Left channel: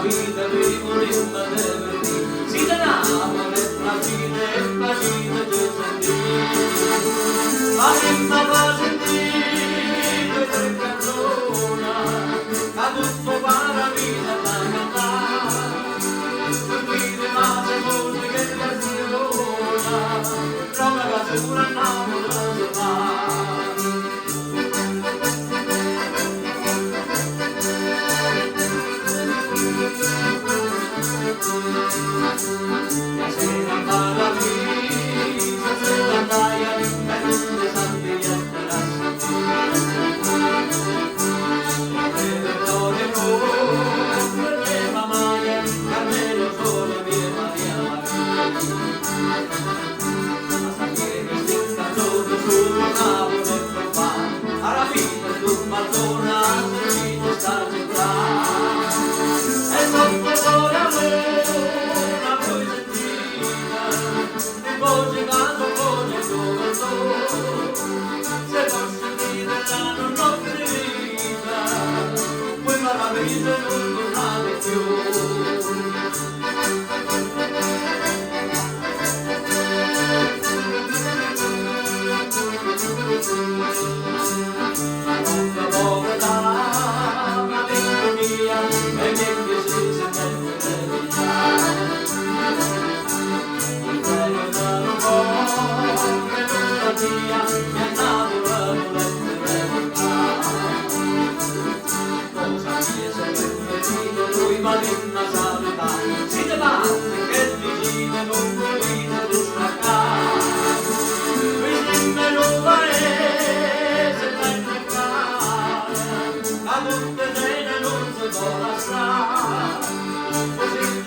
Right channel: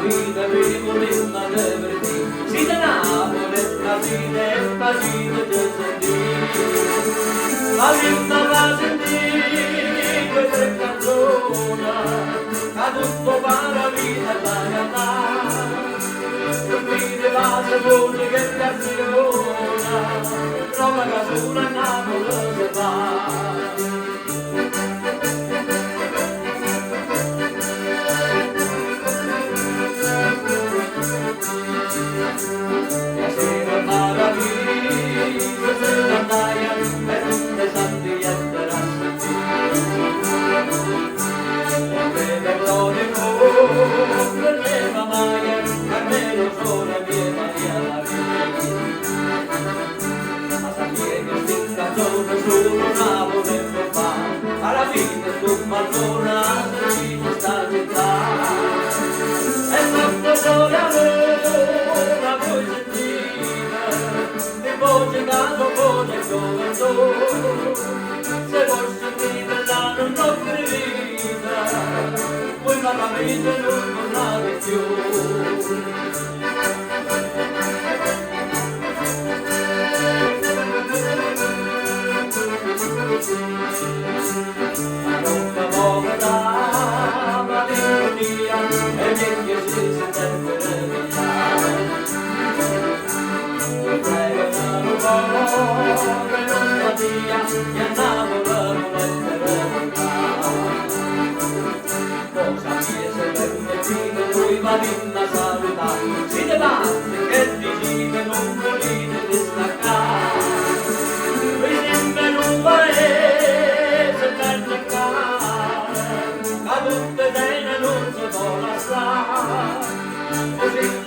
Vita primo rimma venerdì si denava la fine e pagina del sentì ma rimma va sentito tre canzona a tutto va la vita da cantare per vide la seconda che piaciona trova la sura Napoli se va. Sera maraviglia, sera maia, e tutte santi e terrazzi. Repertorio con le mamaie, Carmelo sole viva via la ma sapere che si canzone su Napoli e fa, alla fine tu Maltona a servire sta città. E sotto sole aveva voi voce caso voce solo se vuoi sentire la non vita puoi parlare non parlare più ma non fa poco da malinconia e niente si sente Malinna saluta, si debate che vicino non volete destaccare. Vicino in un paese per cercare, a tutte bene non si può lasciare. Così